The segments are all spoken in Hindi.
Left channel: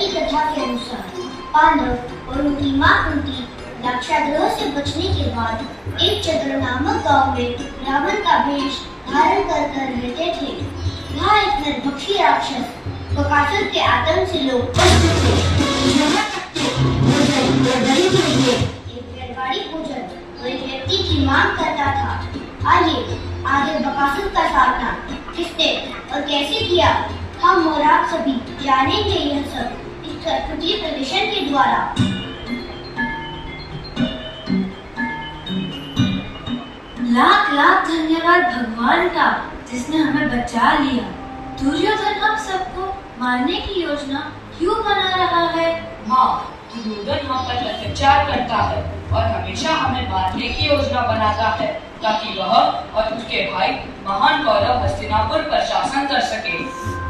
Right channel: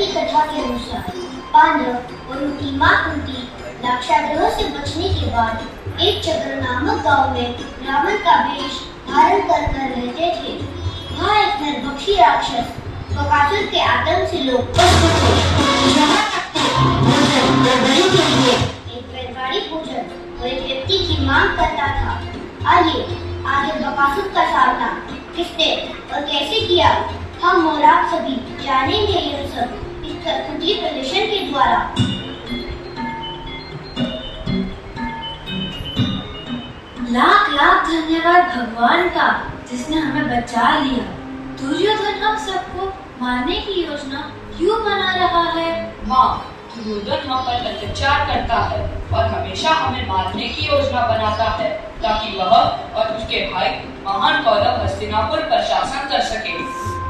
की कथा के अनुसार पांडव और उनकी मां कुंती लाक्षागृह से बचने के बाद एक चंद्र नामक गांव में रावण का वेश धारण कर रहते थे। वहाँ एक नरभक्षी राक्षस बकासुर के आतंक से लोग एक बैलगाड़ी पूजन और एक व्यक्ति की मांग करता था। आइए आगे बकासुर का सामना किसने और कैसे किया, हम और आप सभी जानेंगे यह सब इस कठपुतली प्रदर्शन के द्वारा। लाख लाख धन्यवाद भगवान का जिसने हमें बचा लिया। दुर्योधन हम सबको मारने की योजना क्यों बना रहा है? माँ, दुर्योधन हम पर अत्याचार करता है और हमेशा हमें मारने की योजना बनाता है ताकि वह और उसके भाई महान कौरव हस्तिनापुर पर शासन कर सके।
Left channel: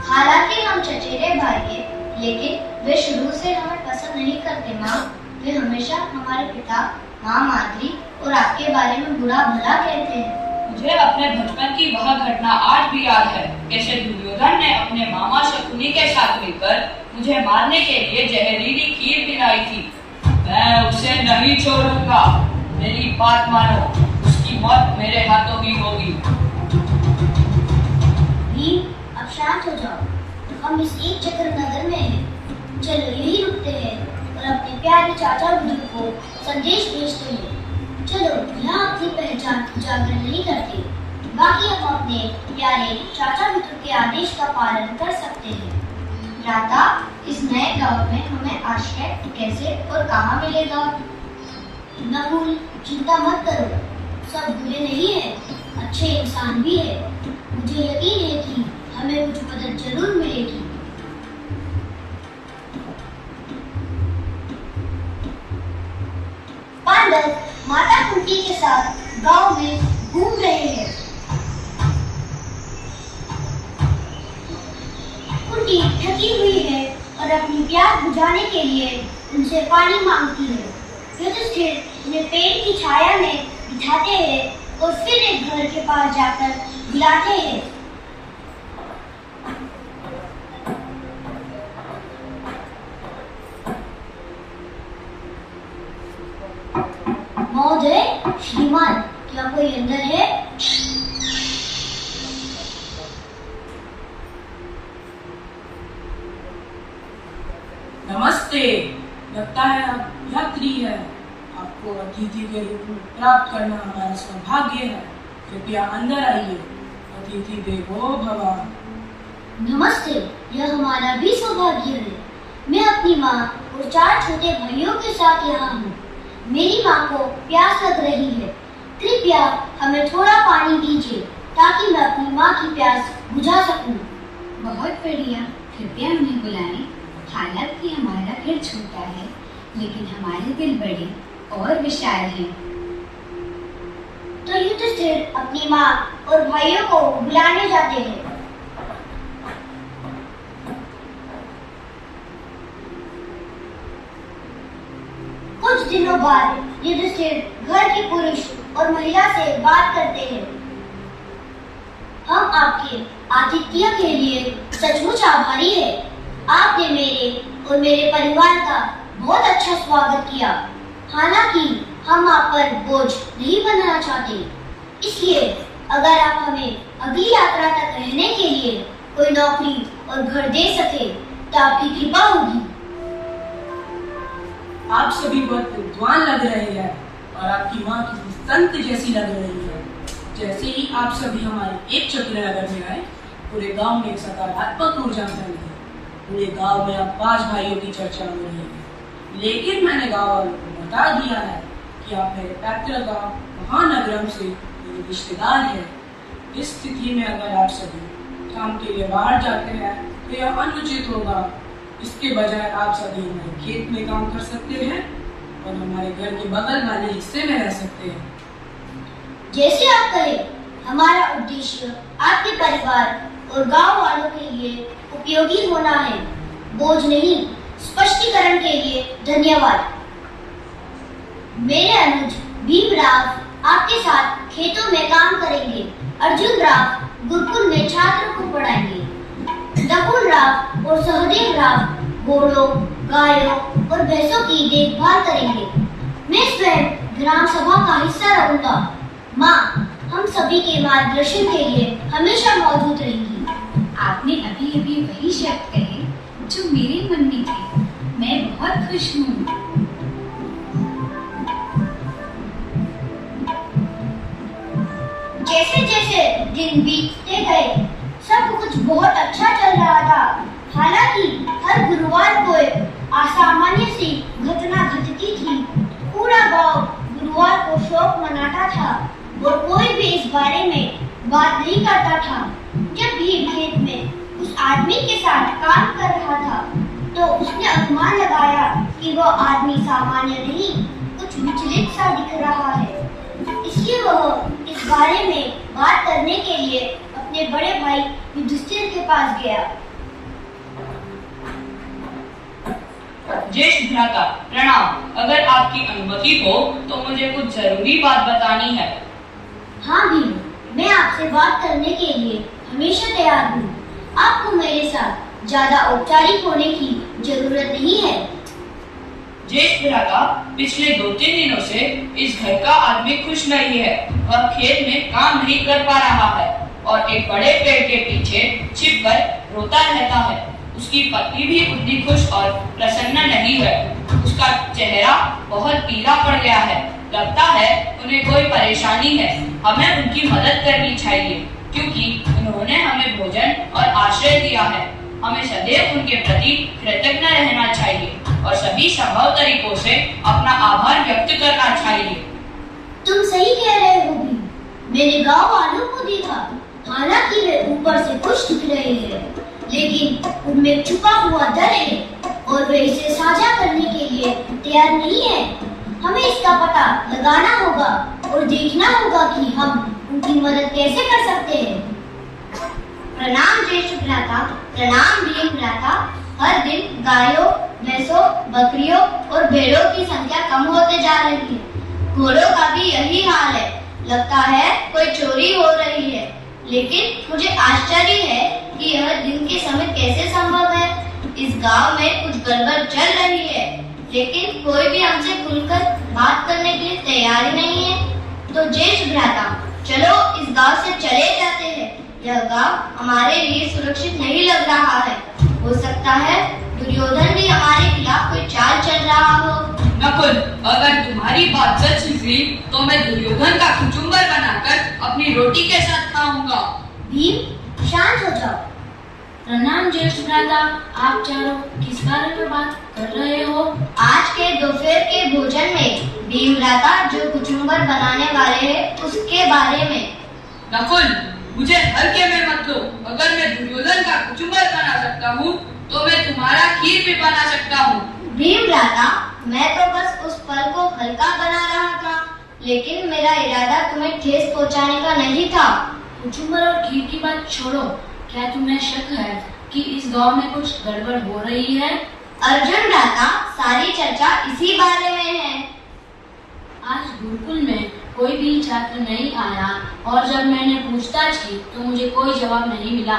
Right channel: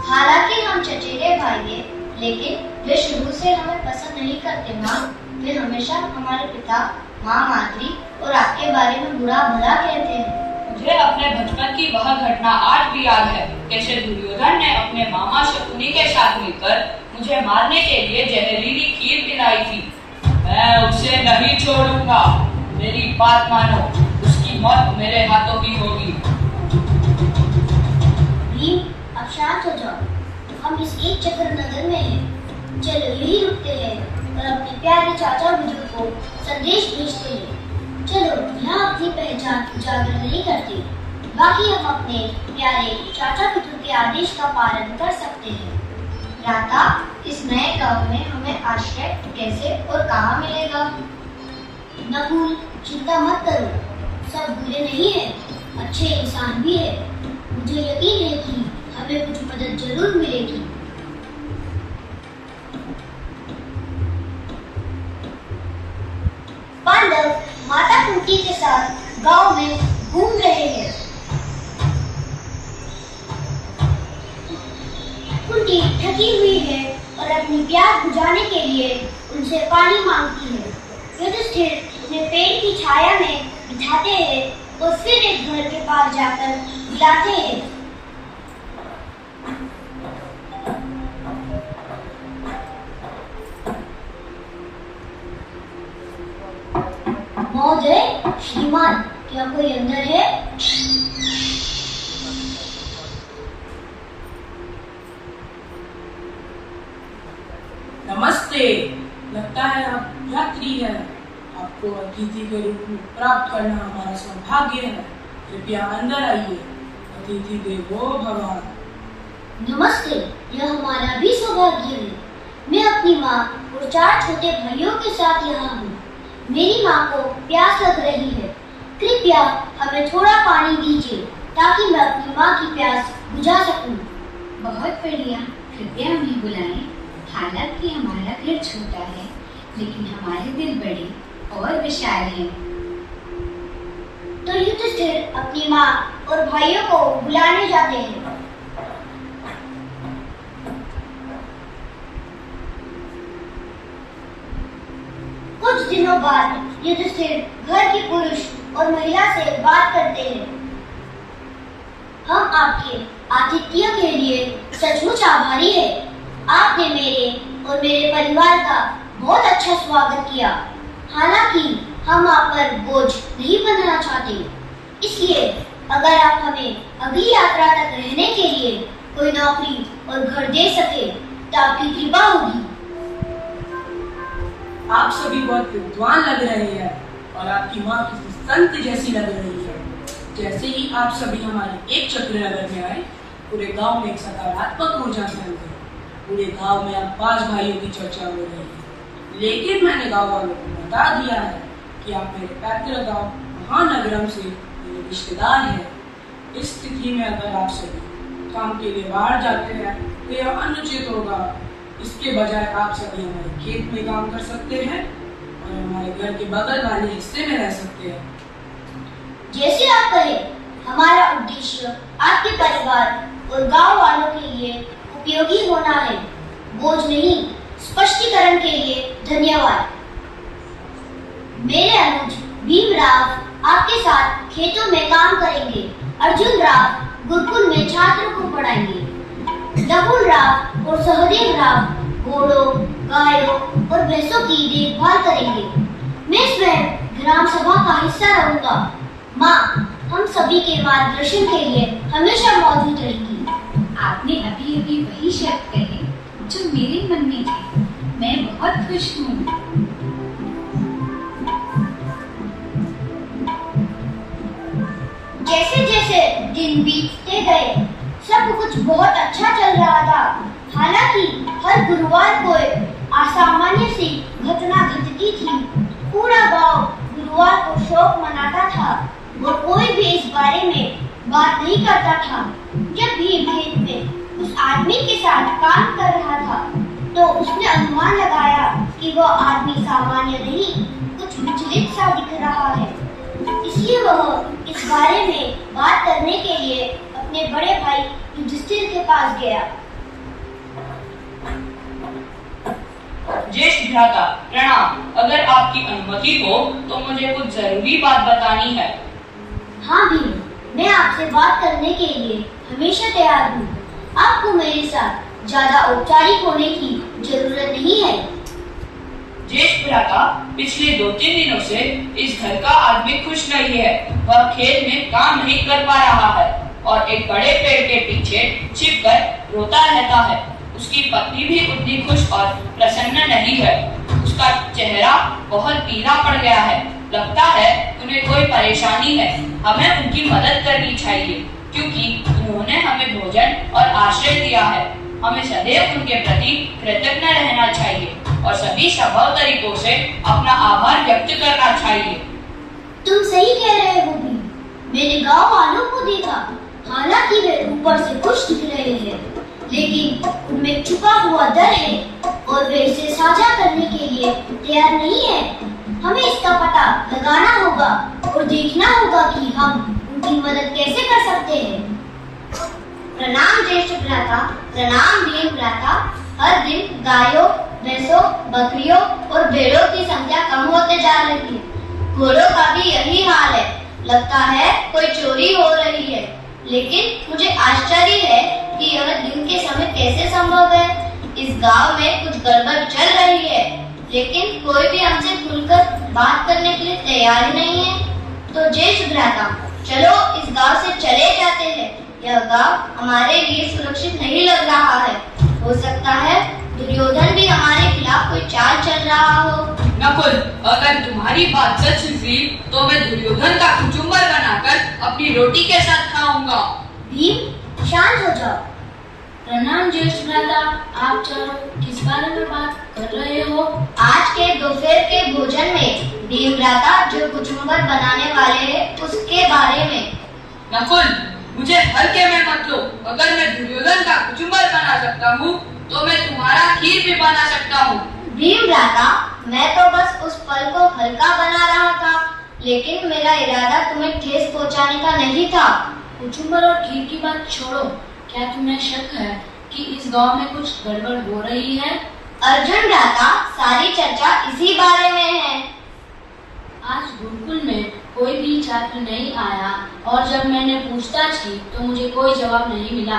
हालांकि हम चचेरे भाई हैं, लेकिन वे शुरू से हमें पसंद नहीं करते माँ। वे हमेशा हमारे पिता, माँ माद्री और आपके बारे में बुरा भला कहते हैं। मुझे अपने बचपन की वह घटना आज भी याद है, कैसे दुर्योधन ने अपने मामा शकुनी के साथ मिलकर मुझे मारने के लिए जहरीली खीर पिलाई थी। मैं उसे नहीं छोड़ूंगा, मेरी बात मानो, उसकी मौत मेरे हाथों ही होगी। भीम, अब शांत हो जाओ। हम इस एक चक्र नगर में हैं। चलो यही रुकते हैं और अपने प्यारे चाचा विदुर को संदेश भेजते हैं। चलो यहाँ अपनी पहचान उजागर नहीं करते, बाकी हम अपने प्यारे चाचा विदुर के आदेश का पालन कर सकते हैं। राधा, इस नए गांव में हमें आश्रय कैसे और कहाँ मिलेगा? नकुल, चिंता मत करो, सब बुरे नहीं है, अच्छे इंसान भी है। मुझे यकीन है कि हमें कुछ मदद जरूर मिलेगी। पांडव माता कुंती के साथ गांव में घूम रहे हैं। कुंती थकी हुई है और अपनी प्यास बुझाने के लिए उनसे पानी मांगती है। युधिष्ठिर उन्हें पेड़ की छाया में बिठाते हैं और फिर एक घर के पास जाकर बुलाते हैं। महोदय, श्रीमान, क्या कोई अंदर है? नमस्ते, लगता है आप यात्री है। आपको अतिथि के रूप में प्राप्त करना हमारा सौभाग्य है। कृपया अंदर आइए, अतिथि देवो भव। नमस्ते, यह हमारा भी सौभाग्य है। मैं अपनी माँ और 4 छोटे भाइयों के साथ यहाँ हूँ। मेरी माँ को प्यास लग रही है। कृपया हमें थोड़ा पानी दीजिए ताकि मैं अपनी माँ की प्यास बुझा सकूं। बहुत बढ़िया, कृपया हमें बुलाएं। हालांकि हमारा घर छोटा है, लेकिन हमारे दिल बड़े और विशाल हैं। तो युधिष्ठिर अपनी माँ और भाइयों को बुलाने जाते हैं। कुछ दिनों बाद युधिष्ठिर घर के पुरुष और महिला से बात करते हैं। हम आपके आतिथ्य के लिए सचमुच आभारी हैं। आपने मेरे और मेरे परिवार का बहुत अच्छा स्वागत किया। हालांकि हम आप पर बोझ नहीं बनना चाहते, इसलिए अगर आप हमें अगली यात्रा तक रहने के लिए कोई नौकरी और घर दे सके तो आपकी कृपा होगी। आप सभी बहुत विद्वान लग रहे हैं और आपकी माँ किसी संत जैसी लग रही है। जैसे ही आप सभी हमारे एक चक्र नगर में आए, पूरे गांव में एक सकारात्मक ऊर्जा फैल गई। पूरे गांव में आप 5 भाइयों की चर्चा हो रही है, लेकिन मैंने गांव वालों को बता दिया है कि आप मेरे पैतृक गांव महानगरम से मेरे रिश्तेदार हैं। इस स्थिति में अगर आप सभी काम के लिए बाहर जाते हैं तो यह अनुचित होगा। इसके बजाय आप सभी हमारे खेत में काम कर सकते हैं और हमारे घर के बगल वाले हिस्से में रह सकते हैं। जैसे आप कहें। हमारा उद्देश्य आपके परिवार और गांव वालों के लिए उपयोगी होना है, बोझ नहीं। स्पष्टीकरण के लिए धन्यवाद। मेरे अनुज भीमराव आपके साथ खेतों में काम करेंगे। अर्जुन राव गुरुकुल में छात्रों को पढ़ाएंगे। नकुल राव और सहदेव राव घोड़ों, गायों और भैंसों की देखभाल करेंगे। मैं स्वयं ग्राम सभा का हिस्सा रहूंगा। माँ हम सभी के मार्गदर्शन के लिए हमेशा मौजूद रहेंगी। आपने अभी अभी वही शब्द कहे जो मेरे मन में थे। मैं बहुत खुश हूँ। जैसे जैसे दिन बीतते गए सब कुछ बहुत अच्छा चल रहा था। हालांकि हर गुरुवार को एक असामान्य सी घटना घटती थी। पूरा गांव गुरुवार को शोक मनाता था और कोई भी इस बारे में बात नहीं करता था। जब भीम खेत में उस आदमी के साथ काम कर रहा था तो उसने अनुमान लगाया कि वो आदमी सामान्य नहीं, कुछ विचलित सा दिख रहा है। इसलिए वह इस बारे में बात करने के लिए अपने बड़े भाई युधिष्ठिर के पास गया। ज्येष्ठ भ्राता प्रणाम। अगर आपकी अनुमति हो तो मुझे कुछ जरूरी बात बतानी है। हाँ भीम, मैं आपसे बात करने के लिए हमेशा तैयार हूँ। आपको मेरे साथ ज्यादा औपचारिक होने की जरूरत नहीं है। ज्येष्ठ भ्राता पिछले 2-3 दिनों से इस घर का आदमी खुश नहीं है। वह खेत में काम नहीं कर पा रहा है और एक बड़े पेड़ के पीछे छिपकर रोता रहता है। उसकी पत्नी भी उतनी खुश और प्रसन्न नहीं है। उसका चेहरा बहुत पीला पड़ गया है। लगता है उन्हें कोई परेशानी है। हमें उनकी मदद करनी चाहिए क्योंकि उन्होंने हमें भोजन और आश्रय दिया है। हमें सदैव उनके प्रति कृतज्ञ रहना चाहिए और सभी संभव तरीकों से अपना आभार व्यक्त करना चाहिए। तुम सही कह रहे हो भीम। मैंने गांव वालों को देखा। हालांकि वे ऊपर से खुश दिख रहे हैं, लेकिन उनमें छुपा हुआ डर है और वे इसे साझा करने के लिए तैयार नहीं है। हमें इसका पता लगाना होगा और देखना होगा कि हम उनकी मदद कैसे कर सकते हैं। प्रणाम ज्येष्ठ भ्राता। प्रणाम भीम भ्राता। हर दिन गायों, भैंसों, बकरियों और भेड़ों की संख्या कम होते जा रही है। घोड़ों का भी यही हाल है। लगता है कोई चोरी हो रही है। लेकिन मुझे आश्चर्य है कि यह दिन के समय कैसे संभव है। इस गांव में कुछ गड़बड़ चल रही है, लेकिन कोई भी हमसे खुलकर बात करने के लिए तैयार ही नहीं है। तो ज्येष्ठ भ्राता, चलो इस गांव से चले जाते हैं। यह गांव हमारे लिए सुरक्षित नहीं लग रहा है। हो सकता है दुर्योधन भी हमारे खिलाफ कोई चाल चल रहा हो। नकुल, अगर तुम्हारी बात सच हुई तो मैं दुर्योधन का कुचुम्बर बनाकर अपनी रोटी के साथ खाऊंगा। भीम शांत हो जाओ। प्रणाम ज्येष्ठ भ्राता। आप चारों किस बारे में बात कर रहे हो? आज के दोपहर के भोजन में भीम भ्राता जो कुचुम्बर बनाने वाले हैं उसके बारे में। नकुल, मुझे हल्के में मत लो। अगर मैं दुर्योधन का कुचुम्बर बना सकता हूँ तो मैं तुम्हारा खीर भी बना सकता हूँ। भीम भ्राता, मैं तो बस उस फल को हल्का बना रहा था, लेकिन मेरा इरादा तुम्हें ठेस पहुँचाने का नहीं था। कुचुम्बर और खीर की बात छोड़ो। क्या तुम्हें शक है कि इस गांव में कुछ गड़बड़ हो रही है? अर्जुन भ्राता, सारी चर्चा इसी बारे में है। आज गुरुकुल में कोई भी छात्र नहीं आया और जब मैंने पूछताछ की तो मुझे कोई जवाब नहीं मिला।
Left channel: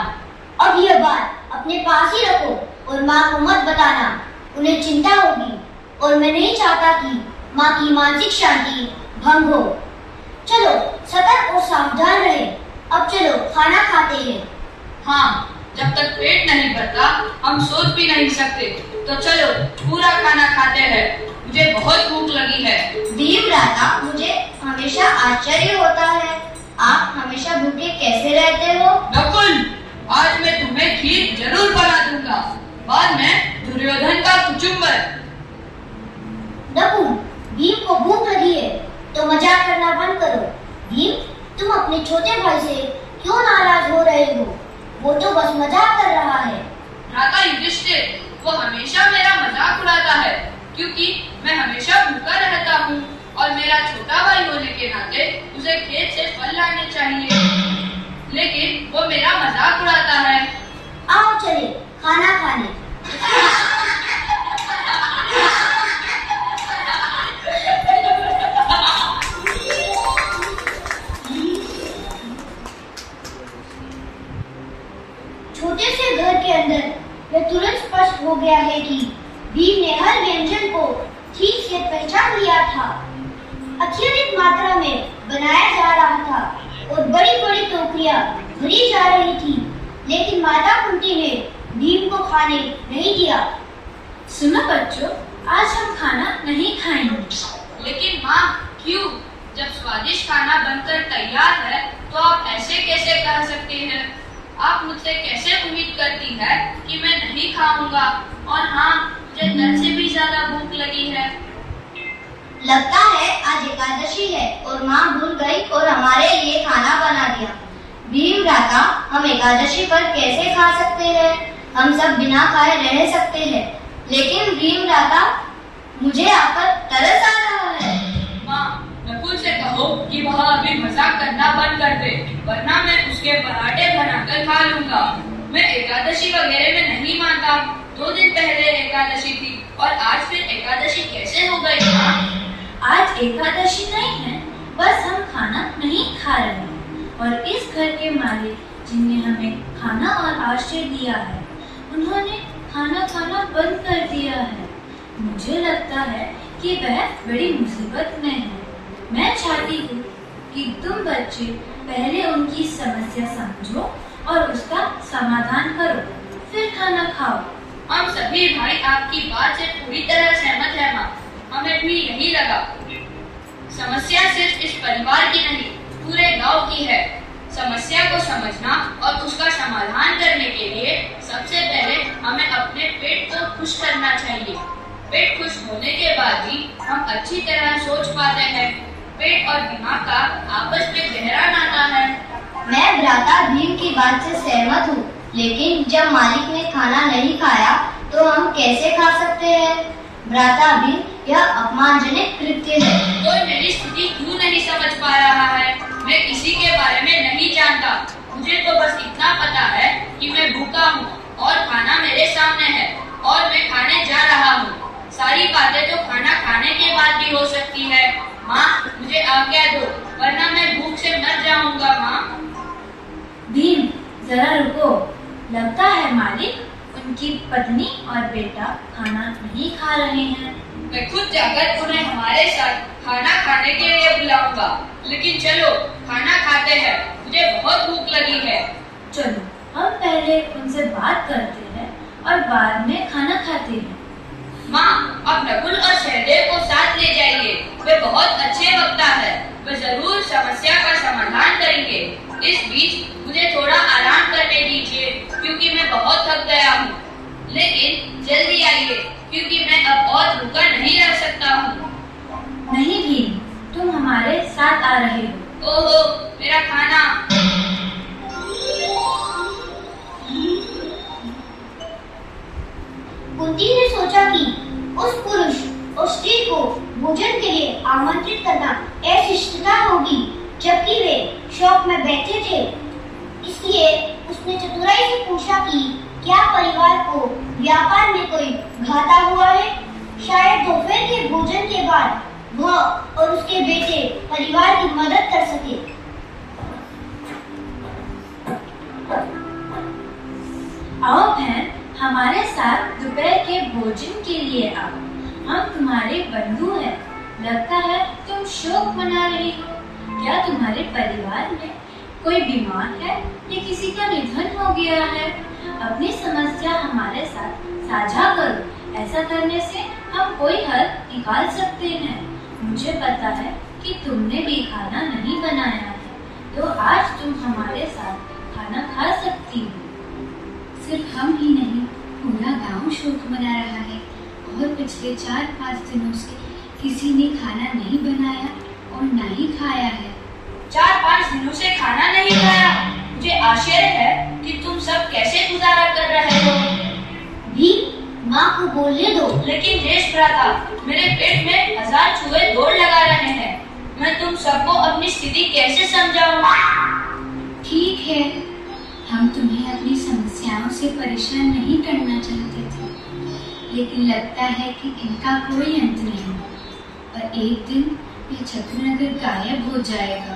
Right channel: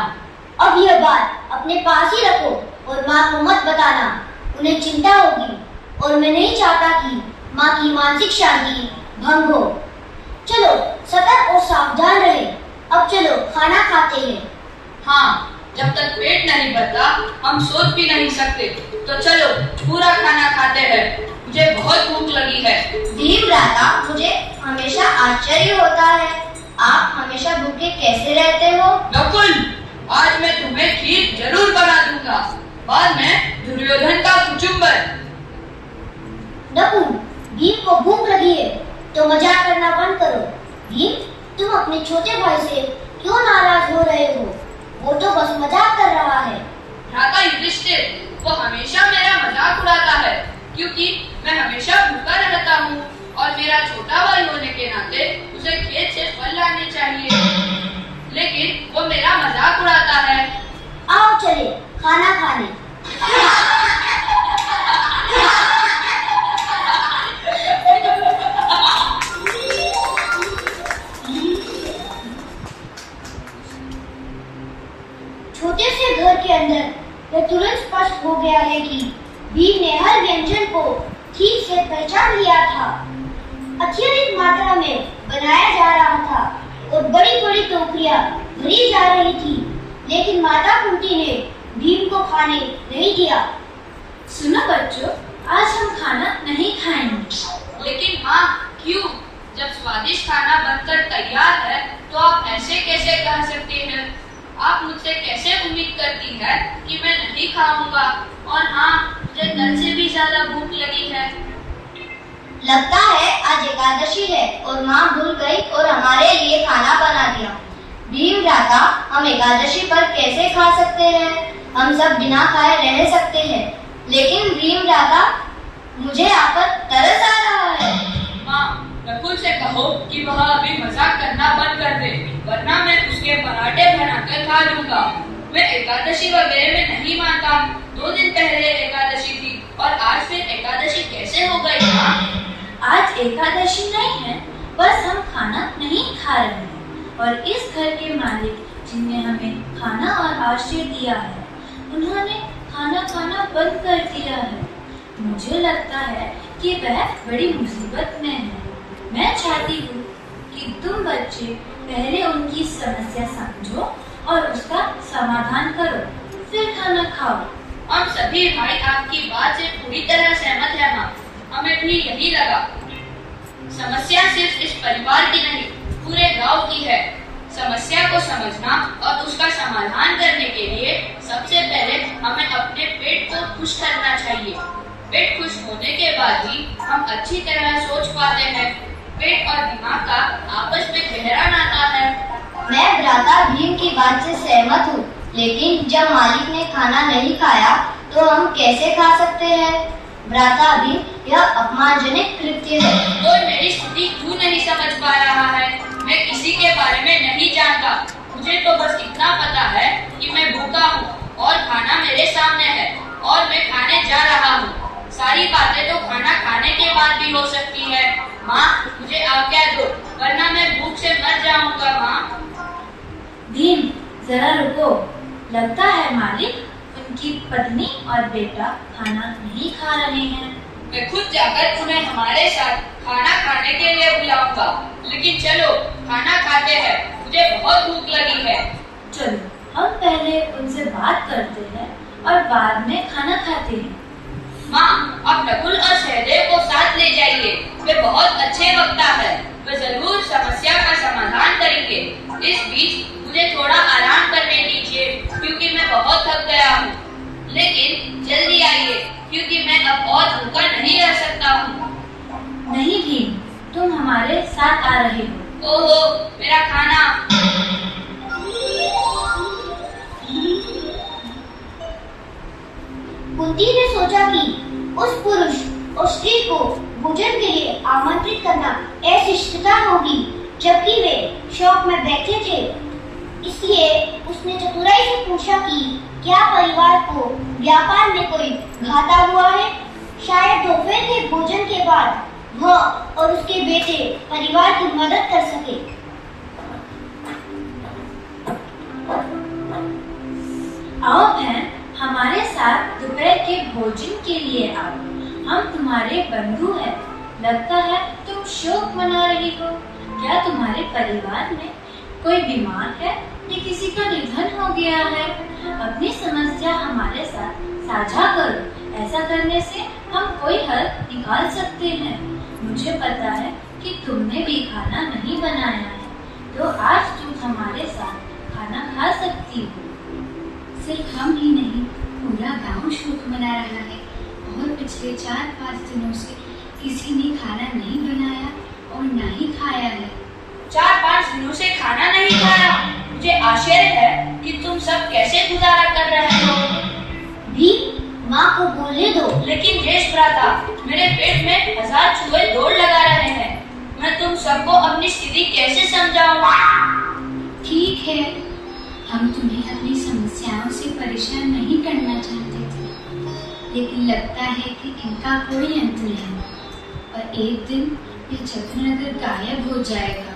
अब यह बात अपने पास ही रखो और माँ को मत बताना। उन्हें चिंता होगी और मैं नहीं चाहता कि माँ की मानसिक शांति भंग हो। चलो सतर्क और सावधान रहे। अब चलो खाना खाते हैं। हाँ, जब तक पेट नहीं भरता हम सोच भी नहीं सकते। तो चलो पूरा खाना खाते हैं। मुझे बहुत भूख लगी है। भीम भ्राता, मुझे हमेशा आश्चर्य होता है, आप हमेशा भूखे कैसे रहते हो? नकुल, आज मैं तुम्हें खीर जरूर बना दूंगा। बाद में दुर्योधन का कुचुम्बर। नकुल, भीम को भूख लगी है तो मजाक करना बंद करो। भीम, तुम अपने छोटे भाई से क्यों नाराज हो रहे हो? वो तो बस मजाक कर रहा है। भ्राता युधिष्ठिर, वो हमेशा मेरा मजाक उड़ाता है क्योंकि मैं हमेशा भूखा रहता हूँ और मेरा छोटा भाई होने के नाते उसे खेत से फल लाने चाहिए, लेकिन वो मेरा मजाक उड़ाता है। आओ चले खाना खाने। छोटे से घर के अंदर यह तुरंत स्पष्ट हो गया है कि भीम ने हर व्यंजन को ठीक से पहचान लिया था। अत्यधिक मात्रा में बनाया जा रहा था और बड़ी बड़ी टोकरियां भरी जा रही थी, लेकिन माता कुंती ने भीम को खाने नहीं दिया। सुनो बच्चों, आज हम खाना नहीं खाएंगे। लेकिन माँ, क्यों? जब स्वादिष्ट खाना बनकर तैयार है तो आप ऐसे कैसे कह सकते हैं? आप मुझसे कैसे उम्मीद करती है कि मैं नहीं खाऊंगा? और हाँ, मुझे कल से भी ज्यादा भूख लगी है। लगता है आज एकादशी है और माँ भूल गई और हमारे लिए खाना बना दिया। भीम भ्राता, हम एकादशी पर कैसे खा सकते हैं? हम सब बिना खाए रह सकते हैं, लेकिन भीम भ्राता, मुझे आप पर तरस आ रहा है। माँ, नकुल से कहो कि वह अभी मजाक करना बंद कर दे, वरना मैं उसके पराठे बनाकर खा लूंगा। मैं एकादशी वगैरह में नहीं मानता। 2 दिन पहले एकादशी थी और आज फिर एकादशी कैसे हो गई? माँ, आज एकादशी नहीं है, बस हम खाना नहीं खा रहे हैं। और इस घर के मालिक जिनने हमें खाना और आश्रय दिया है, उन्होंने खाना खाना बंद कर दिया है। मुझे लगता है कि वह बड़ी मुसीबत में है। मैं चाहती हूँ कि तुम बच्चे पहले उनकी समस्या समझो और उसका समाधान करो, फिर खाना खाओ। हम सभी भाई आपकी बात से पूरी तरह सहमत है माँ। हमें भी यही लगा। समस्या सिर्फ इस परिवार की नहीं, पूरे गांव की है। समस्या को समझना और उसका समाधान करने के लिए सबसे पहले हमें अपने पेट को खुश करना चाहिए। पेट खुश होने के बाद ही हम अच्छी तरह सोच पाते हैं। पेट और दिमाग का आपस में गहरा नाता है। मैं भ्राता भीम की बात से सहमत हूँ, लेकिन जब मालिक ने खाना नहीं खाया तो हम कैसे खा सकते हैं? भ्राता भीम, यह अपमानजनक कृत्य है। कोई मेरी स्थिति क्यों नहीं समझ पा रहा है? मैं किसी के बारे में नहीं जानता। मुझे तो बस इतना पता है कि मैं भूखा हूँ और खाना मेरे सामने है और मैं खाने जा रहा हूँ। सारी बातें तो खाना खाने के बाद भी हो सकती है। माँ, मुझे आज्ञा दो, वरना मैं भूख से मर जाऊंगा। माँ। भीम, जरा रुको। लगता है मालिक उनकी पत्नी और बेटा खाना नहीं खा रहे हैं। मैं खुद जाकर उन्हें हमारे साथ खाना खाने के लिए बुलाऊंगा। लेकिन चलो खाना खाते हैं, मुझे बहुत भूख लगी है। चलो हम पहले उनसे बात करते हैं और बाद में खाना खाते हैं। माँ, अब नकुल और सहदेव को साथ ले जाइए। वे बहुत अच्छे वक्ता है। वे जरूर समस्या का समाधान करेंगे। इस बीच मुझे थोड़ा आराम करने दीजिए, क्योंकि मैं बहुत थक गया हूँ। लेकिन जल्दी आइए, क्योंकि मैं अब और भूखा नहीं रह सकता हूँ। नहीं भीम, तुम हमारे साथ आ रहे हो। ओहो, मेरा खाना। कुंती ने सोचा कि उस पुरुष और स्त्री को भोजन के लिए आमंत्रित करना अशिष्टता होगी, जबकि वे शौक में बैठे थे। इसलिए उसने चतुराई से पूछा कि क्या परिवार को व्यापार में कोई घाटा हुआ है? शायद दोपहर के भोजन के बाद वह और उसके बेटे परिवार की मदद कर सके। आओ बहन, हमारे साथ दोपहर के भोजन के लिए आओ। हम तुम्हारे बंधु हैं। लगता है तुम शोक मना रही हो। क्या तुम्हारे परिवार में कोई बीमार है या किसी का निधन हो गया है? अपनी समस्या हमारे साथ साझा करो। ऐसा करने से हम कोई हल निकाल सकते हैं। मुझे पता है कि तुमने भी खाना नहीं बनाया है, तो आज तुम हमारे साथ खाना खा सकती हो। सिर्फ हम ही नहीं, पूरा गांव शोक मना रहा है और पिछले 4-5 दिनों से किसी ने खाना नहीं बनाया और ना ही खाया है। 4-5 दिनों से खाना नहीं खाया? मुझे आश्चर्य है कि तुम सब कैसे गुजारा कर रहे हो। भी माँ को बोलने दो। लेकिन ज्येष्ठ भ्राता, मेरे पेट में 1000 चूहे दौड़ लगा रहे हैं। मैं तुम सबको अपनी स्थिति कैसे समझाऊं? ठीक है, हम तुम्हें अपनी समस्याओं से परेशान नहीं करना चाहते थे, लेकिन लगता है कि इनका कोई अंत नहीं और एक दिन ये चक्रनगर गायब हो जाएगा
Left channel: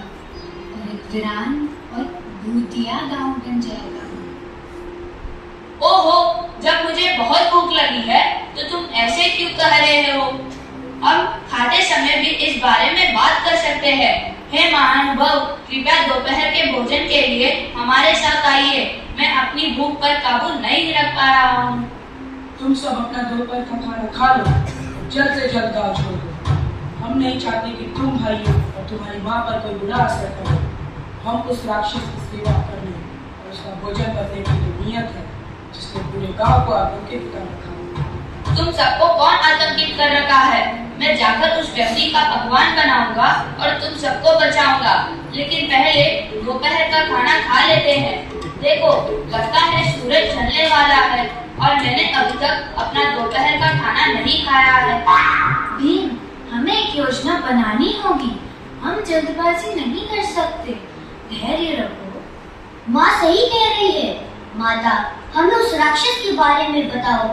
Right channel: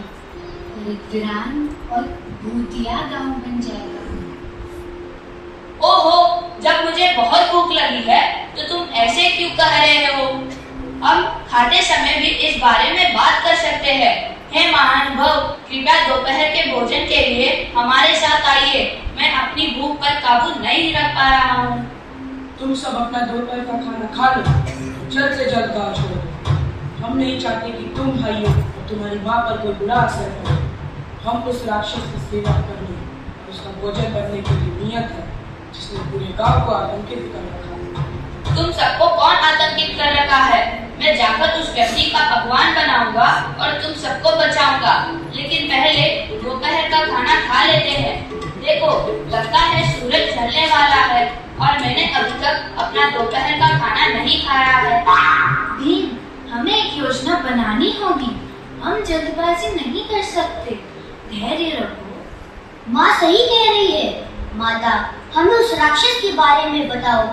और एक वीरान और भूतिया गांव बन जाएगा। ओहो, जब मुझे मुझे बहुत भूख लगी है, तो तुम ऐसे क्यों कह रहे हो? हम खाते समय भी इस बारे में बात कर सकते हैं। हे महानुभाव, कृपया दोपहर के भोजन के लिए हमारे साथ आइए। मैं अपनी भूख पर काबू नहीं रख पा रहा हूँ। तुम सब अपना दोपहर का खाना खा लो, जल्द से जल्द गाँव छोड़ो। हम नहीं चाहते कि तुम भाइयों और तुम्हारी माँ पर कोई बुरा असर पड़े। हम उस राक्षस की सेवा करने और उसका भोजन करने की जो नियत है, जिसने पूरे गांव को आतंकित कर रखा है। तुम सबको कौन आतंकित कर रखा है? मैं जाकर उस व्यक्ति का अगवान बनाऊंगा और तुम सबको बचाऊंगा। लेकिन पहले दोपहर का खाना खा लेते हैं। देखो, लगता है सूरज ढलने वाला है और मैंने अभी तक अपना दोपहर का खाना नहीं खाया है। भीम, हमें एक योजना बनानी होगी। हम जल्दबाजी नहीं कर सकते। धैर्य रखो। माँ सही कह रही है। माता, हमें उस राक्षस के बारे में बताओ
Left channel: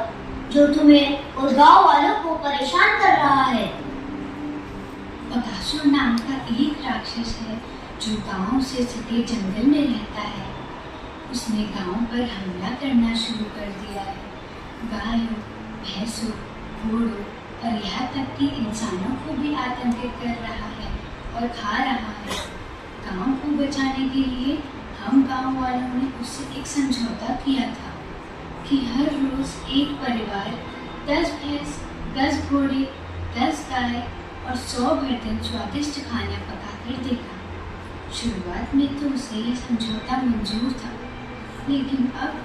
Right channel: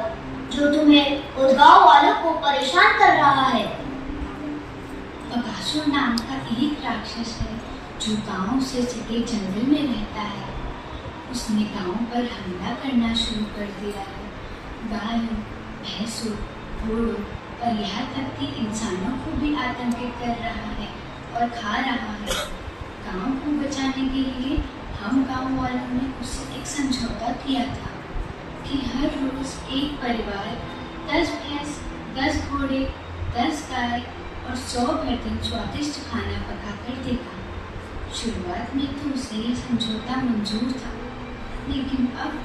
जो तुम्हें और गांव वालों को परेशान कर रहा है। बकासुर नाम का एक राक्षस है जो गांव से सटे जंगल में रहता है। उसने गांव पर हमला करना शुरू कर दिया है। गायों, भैंसों, घोड़ों और यहाँ तक कि इंसानों को भी आतंकित कर रहा है और खा रहा है। गांव को बचाने के लिए हम गांव वालों ने उससे एक समझौता किया था कि हर रोज एक परिवार 10 भैंस, 10 घोड़े, 10 गाय और 100 बर्तन स्वादिष्ट खाना पका कर देगा। शुरुआत में तो उसे ये समझौता मंजूर था, लेकिन अब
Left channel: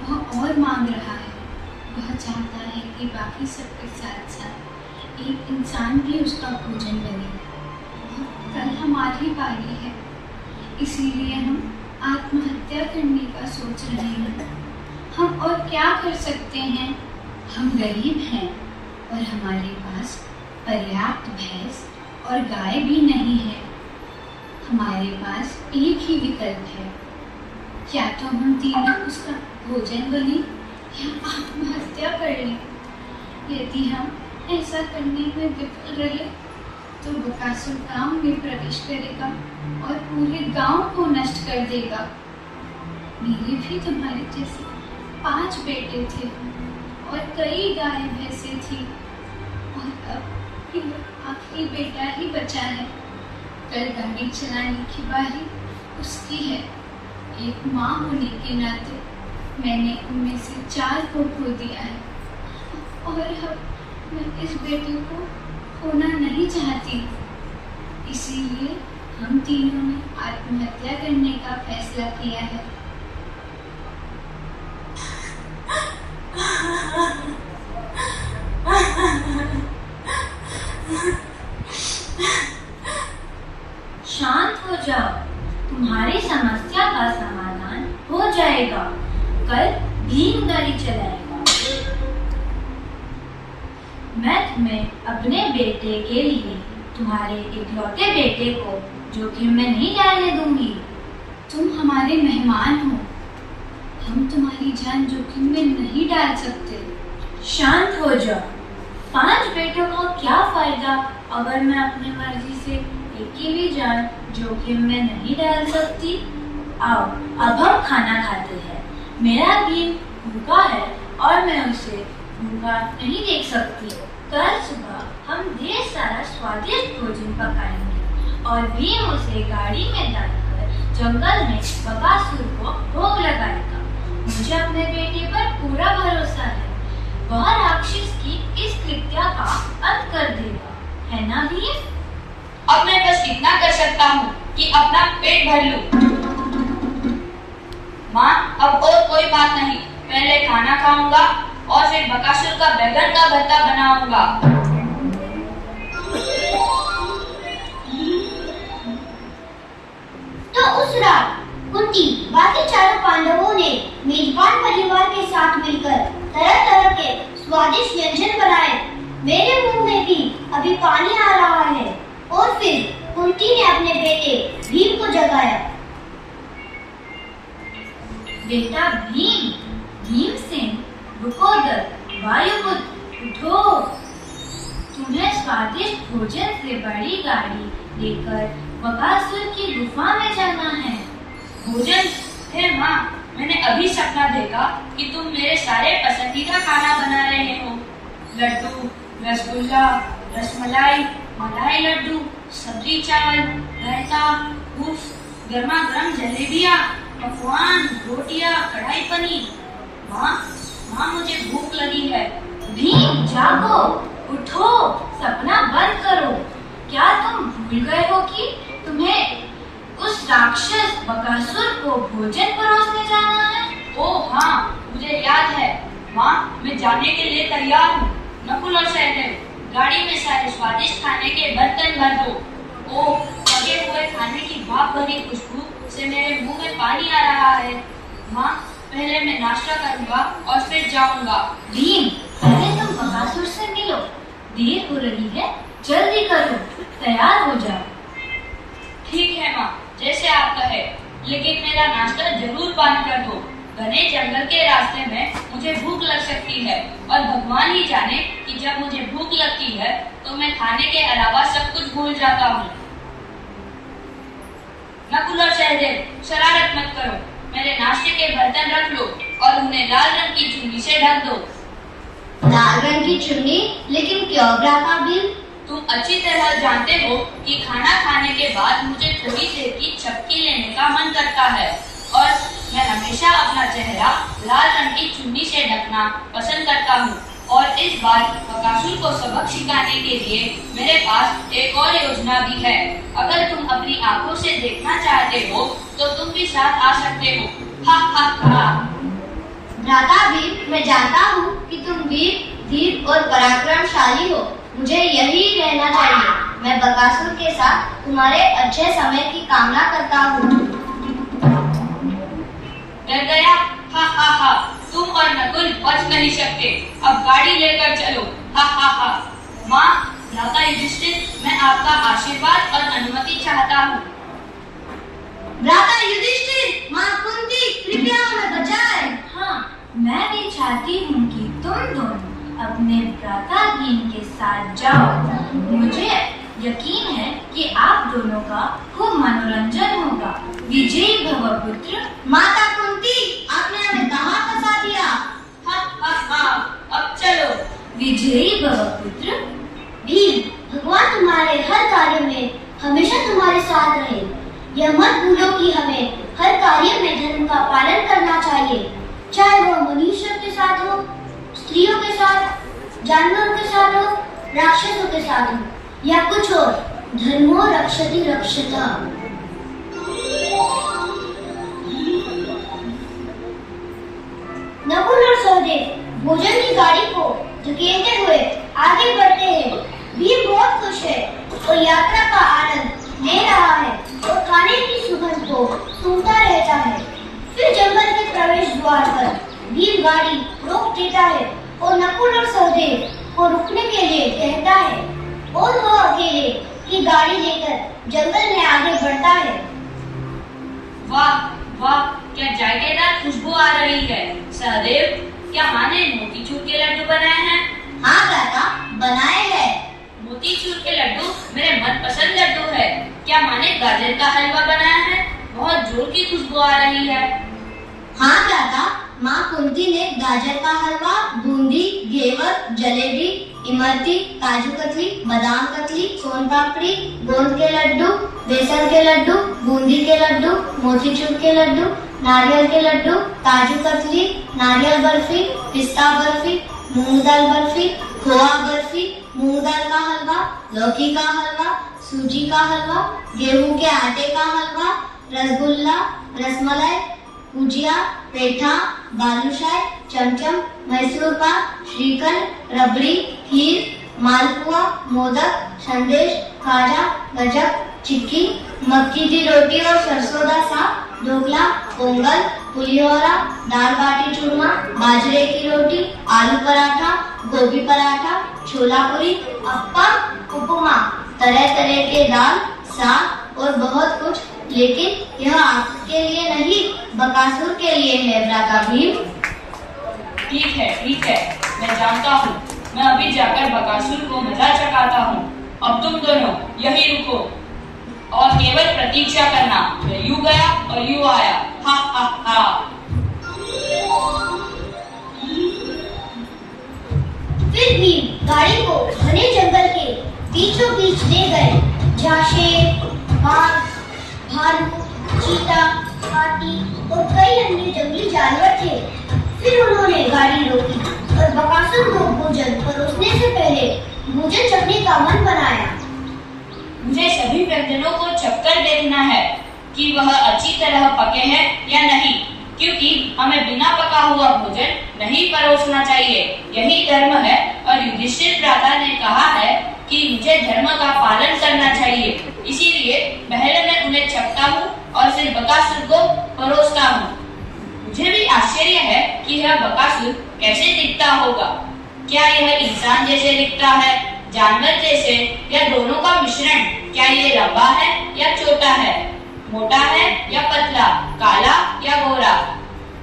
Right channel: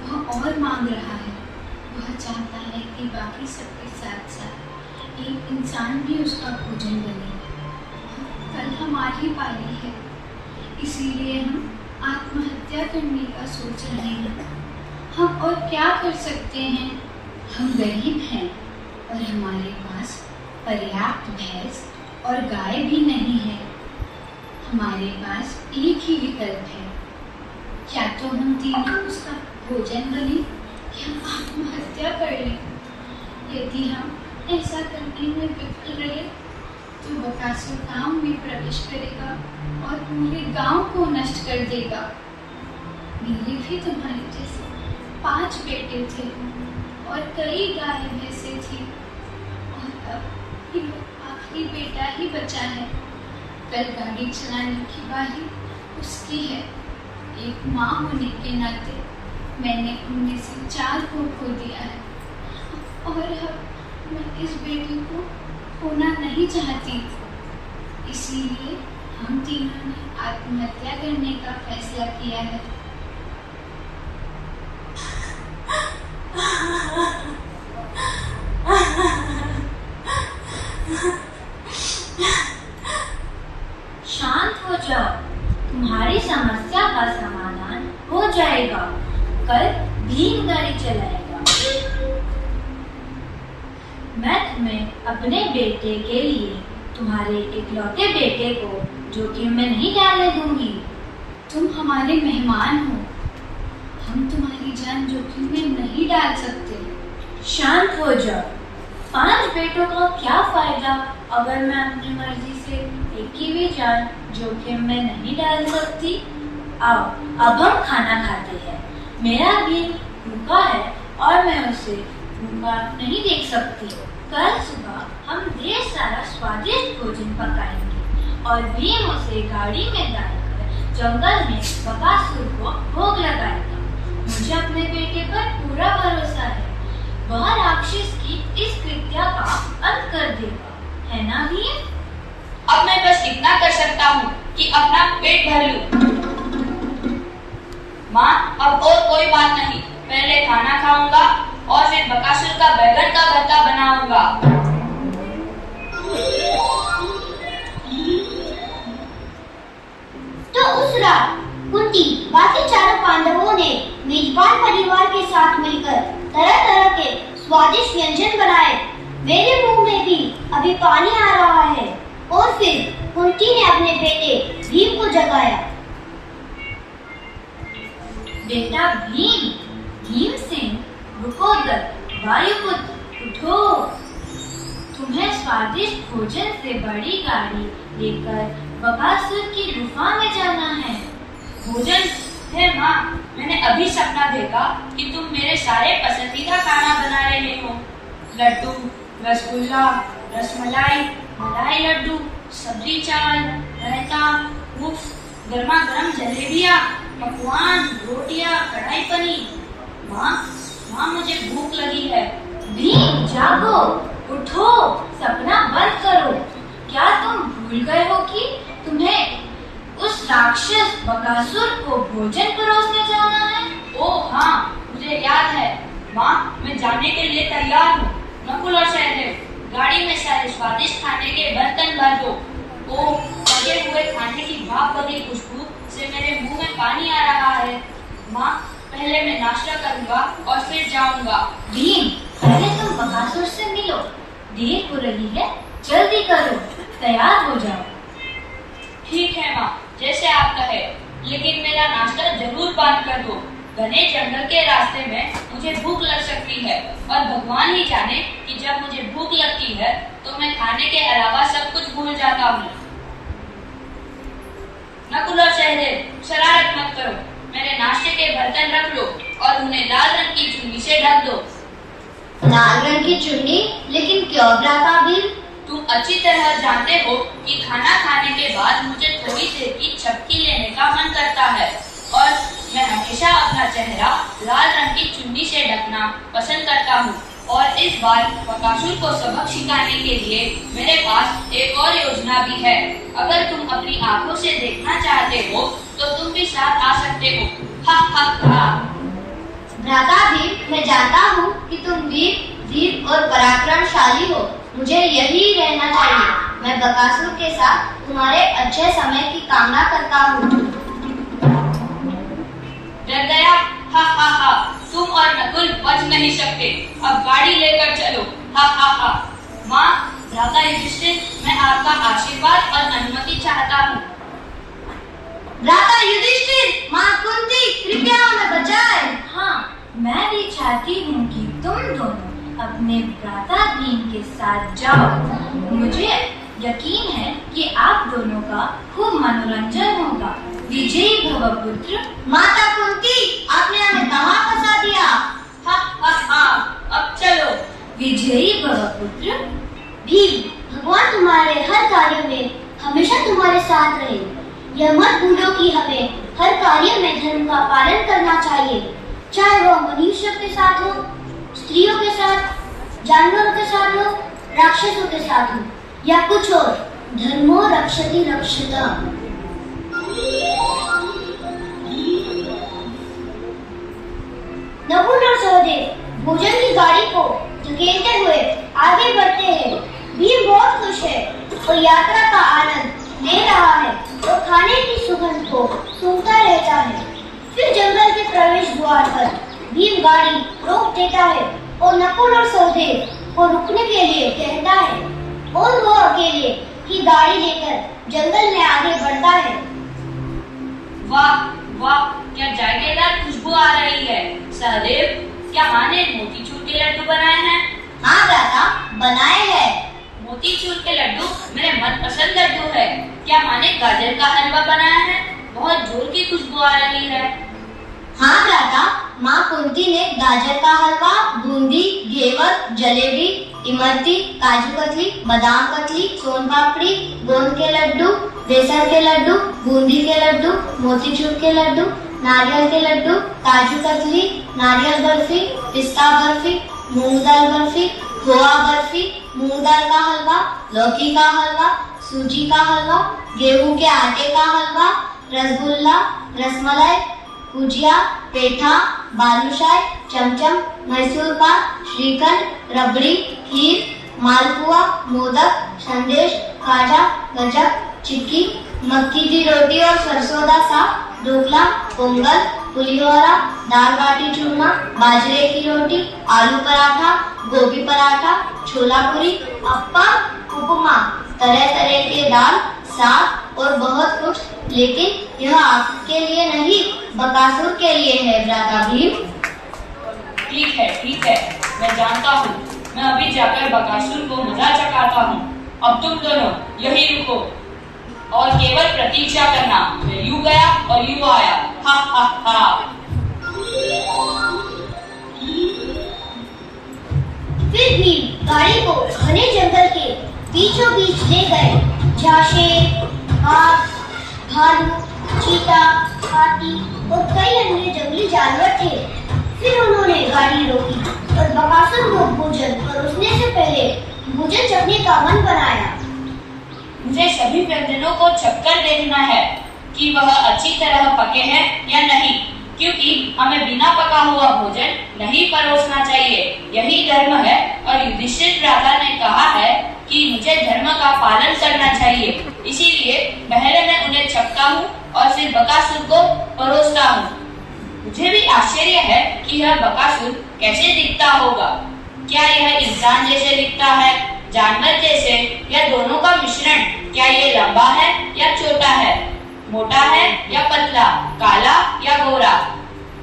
वह और मांग रहा है। वह चाहता है कि बाकी सबके साथ साथ एक इंसान भी उसका भोजन बने। कल हमारी बारी है, इसीलिए हम आत्महत्या करने का सोच रहे हैं। हम और क्या कर सकते हैं? हम गरीब हैं और हमारे पास पर्याप्त भैंस और गाय भी नहीं है। हमारे पास एक ही विकल्प है, या तो हम तीनों उसका भोजन बने या आत्महत्या कर लें। यदि हम ऐसा करने में विफल रहे तो बकासुर गांव में प्रवेश करेगा और पूरे गांव को नष्ट कर देगा। मेरे भी तुम्हारे जैसे 5 बेटे थे और कई गाय भैंसे थी, और अब ये आखिरी बेटा ही बचा है। कल गाड़ी चलाने की बारी उसकी है। एक माँ होने के नाते मैंने उनमें से 4 को खो दिया है, और अब मैं इस बेटे को खोना नहीं चाहती। इसीलिए हम तीनों ने आत्महत्या करने का फैसला किया है। शांत हो जाओ, तुम्हारी समस्या का समाधान हो जाएगा। कल भीम गाड़ी चलाएगा। मैं तुम्हें अपने बेटे के लिए तुम्हारे इकलौते बेटे को जोखिम में नहीं डालने दूंगी। तुम हमारे मेहमान हो, हम तुम्हारी जान जोखिम में नहीं डाल सकते। शांत हो जाओ। 5 बेटों का क्या फायदा अगर मैं अपनी मर्जी से एक की भी जान जोखिम में नहीं डाल सकती। आओ, अब हम खाना खाते हैं। मेरा भीम भूखा है और मैं उसे भूखा नहीं देख सकती। कल सुबह हम ढेर सारा स्वादिष्ट भोजन पकाएंगे और भीम उसे गाड़ी में डालकर जंगल में बकासुर को भोग लगाएगा। मुझे अपने बेटे पर पूरा भरोसा है। वह राक्षस की इस कृत्या का अंत कर देगा, है ना भीम? अब मैं बस इतना कर सकता हूँ कि अपना पेट भर लूं। माँ, अब और कोई बात नहीं। पहले खाना खाऊंगा और फिर बकासुर का बैगन का भरता बनाऊंगा। तो उस रात कुंती बाकी 4 पांडवों ने मेजबान परिवार के साथ मिलकर तरह तरह के स्वादिष्ट व्यंजन बनाए। मेरे मुंह में भी अभी पानी आ रहा है। और फिर कुंती ने अपने बेटे भीम को जगाया। बेटा भीम, भीम सिंह, रुकोदर, वायुपुत्र, उठो। तुम्हें स्वादिष्ट भोजन से बड़ी गाड़ी लेकर बकासुर की गुफा में जाना है। भोजन हे माँ, मैंने अभी सपना देखा कि तुम मेरे सारे पसंदीदा खाना बना रहे हो। लड्डू, रसगुल्ला, रसमलाई, मलाई लड्डू, सब्जी चावल, रायता, उफ, गर्मा गर्म जलेबियाँ, पकवान, रोटियाँ, कढ़ाई पनीर। माँ, मुझे भूख लगी है। भीम, जागो, उठो, सपना बंद करो। क्या तुम भूल गए हो कि तुम्हें उस राक्षस बकासुर को भोजन परोसने जाना है? ओह हाँ, मुझे याद है। माँ, मैं जाने के लिए तैयार हूँ। नकुल और सहदेव, गाड़ी में सारे स्वादिष्ट खाने के बर्तन भर दो। ओह, पके हुए खाने की भाप भरी खुशबू से मेरे मुंह में पानी आ रहा है। माँ, पहले मैं नाश्ता करूँगा और फिर जाऊँगा। भीम, पहले तुम बकासुर से मिलो। देर हो रही है, जल्दी करो, तैयार हो जाओ। ठीक है माँ, जैसे आप कहे, लेकिन मेरा नाश्ता जरूर बंद कर दो। घने जंगल के रास्ते में मुझे भूख लग सकती है और भगवान ही जाने कि जब मुझे भूख लगती है तो मैं खाने के अलावा सब कुछ भूल जाता हूँ। नकुल और सहदेव, शरारत मत करो। मेरे नाश्ते के बर्तन रख लो और उन्हें लाल रंग की चुन्नी से ढक दो। लाल रंग की चुन्नी? लेकिन क्यों भ्राता भीम? तुम अच्छी तरह जानते हो कि खाना खाने के बाद मुझे थोड़ी देर की झपकी लेने का मन करता है और मैं हमेशा अपना चेहरा लाल रंग की चुन्नी से ढकना पसंद करता हूँ। और इस बार बकासुर को सबक सिखाने के लिए मेरे पास एक और योजना भी है। अगर तुम अपनी आंखों से देखना चाहते हो तो तुम भी साथ आ सकते हो। हा हा हा। भ्राता भीम, मैं जानता हूँ कि तुम वीर, धीर और पराक्रमशाली हो। मुझे यही रहना चाहिए। मैं बकासुर के साथ तुम्हारे अच्छे समय की कामना करता हूँ। डर गया? हा हा हा। तुम और नकुल बच नहीं सकते। अब गाड़ी लेकर चलो। हा हा हा। माँ, भ्राता युधिष्ठिर, मैं आपका आशीर्वाद और अनुमति चाहता हूँ। भ्राता युधिष्ठिर, माँ कुंती, कृपया हमें बचाएं। हाँ, मैं भी चाहती हूँ कि तुम दोनों अपने भ्राता भीम के साथ जाओ। मुझे यकीन है कि आप दोनों का खूब मनोरंजन होगा। विजयी भव पुत्र। माता कुंती, आपने हमें कहाँ फंसा दिया? हा हा हा। अब चलो। विजयी भव पुत्र। भीम, भगवान तुम्हारे हर कार्य में हमेशा तुम्हारे साथ रहे। यह मत भूलो कि हमें हर कार्य में धर्म का पालन करना चाहिए, चाहे वह मनुष्य के साथ हो, स्त्रियों के साथ, जानवरों के साथ हो, राक्षसों के साथ हो या कुछ और। धर्मो रक्षति रक्षता। नकुल और सहदेव भोजन की गाड़ी को धकेलते हुए आगे बढ़ते हैं। भीम बहुत खुश है और यात्रा का आनंद ले रहा है और खाने की सुगंध को सूंघता रहता है। फिर जंगल के प्रवेश द्वार पर भीम गाड़ी रोक देता है और नकुल और सहदेव को रुकने के लिए कहता है और वो अकेले की गाड़ी लेकर जंगल में आगे बढ़ता है। वाह वाह, क्या जायकेदार खुशबू आ रही है। सहदेव, क्या माँ ने मोतीचूर के लड्डू बनाए हैं? हाँ भ्राता, बनाए हैं। मोतीचूर के लड्डू मेरे मनपसंद लड्डू है। क्या माँ ने गाजर का हलवा बनाया है? बहुत जोर की खुशबू आ रही है। हाँ भ्राता, माँ कुंती ने गाजर का हलवा, बूंदी, घेवर, जलेबी, इमरती, काजू कतली, बादाम कतली, सोन पापड़ी, गोंद के लड्डू, बेसन के लड्डू, बूंदी के लड्डू, मोतीचूर के लड्डू, नारियल के लड्डू, काजू कतली, नारियल बर्फी, पिस्ता बर्फी, मूंग दाल बर्फी, खोआ बर्फी, मूंग दाल का हलवा, लौकी का हलवा, सूजी का हलवा, गेहूं के आटे का हलवा, रसगुल्ला, रसमलाई, गुजिया, पेठा, बालूशाही, चमचम, मैसूर पाक, श्रीखंड, रबड़ी, खीर, मालपुआ, मोदक, संदेश, खाजा, गजक, चिक्की, मक्की की रोटी और सरसों का साग, ढोकला, पोंगल, पुलियोरा, दाल बाटी चूरमा, बाजरे की रोटी, आलू पराठा, गोभी पराठा, छोला पूरी, अप्पम, उपमा, तरह तरह के दाल, साग और बहुत कुछ। लेकिन यह आपके लिए नहीं, बकासुर के लिए है भ्राता भीम। ठीक है, मैं जानता हूँ। मैं अभी जाकर बकासुर को मजा चखाता हूँ। अब तुम दोनों यही रुको और केवल प्रतीक्षा करना। मैं यूं गया और यूं आया। हा हा हा। फिर भी गाड़ी को घने जंगल के बीचों बीच ले गए, जहाँ शेर, बाघ, भालू, चीता, हाथी और कई अन्य जंगली जानवर थे। फिर उन्होंने गाड़ी रोकी और बकासुर को भोजन परोसने से पहले भोजन चखने का मन बनाया। मुझे सभी व्यंजनों को चखकर देखना है कि वह अच्छी तरह पके हैं या नहीं, क्योंकि हमें बिना पका हुआ भोजन नहीं परोसना चाहिए। यही धर्म है और युधिष्ठिर भ्राता ने कहा है कि मुझे धर्म का पालन करना चाहिए। इसीलिए पहले मैं उन्हें चखता हूँ और फिर बकासुर को परोसता हूँ। मुझे भी आश्चर्य है कि यह बकासुर कैसे दिखता होगा। क्या यह इंसान जैसे दिखता है, जानवर जैसे, या दोनों का मिश्रण? क्या ये लंबा है या छोटा है, मोटा है या पतला, काला या गोरा?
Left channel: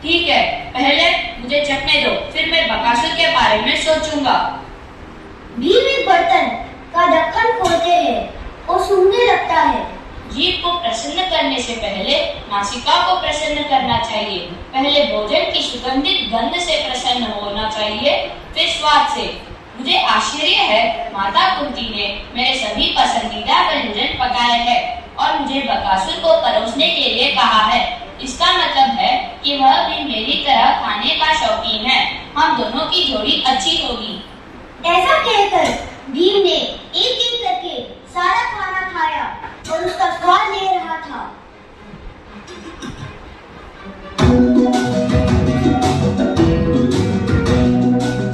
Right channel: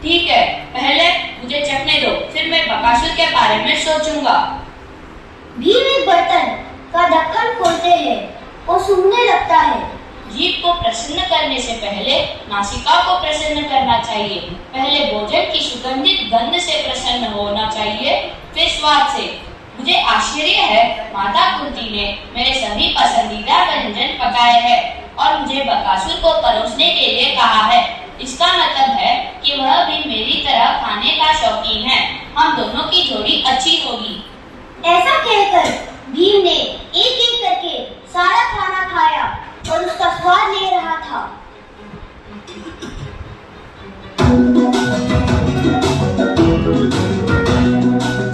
ठीक है, पहले मुझे चखने दो, फिर मैं बकासुर के बारे में सोचूंगा। भीम एक बर्तन का ढक्कन खोलते हैं और सूंघने लगता है। जीभ को प्रसन्न करने से पहले नासिका को प्रसन्न करना चाहिए। पहले भोजन की सुगंधित गंध से प्रसन्न होना चाहिए, फिर स्वाद से। मुझे आश्चर्य है, माता कुंती ने मेरे सभी पसंदीदा व्यंजन पकाए हैं और मुझे बकासुर को परोसने के लिए कहा है। इसका मतलब है कि वह भी मेरी तरह खाने का शौकीन है। हम दोनों की जोड़ी अच्छी होगी। ऐसा कहकर भीम ने एक एक करके सारा खाना खाया और उसका स्वाद ले रहा था।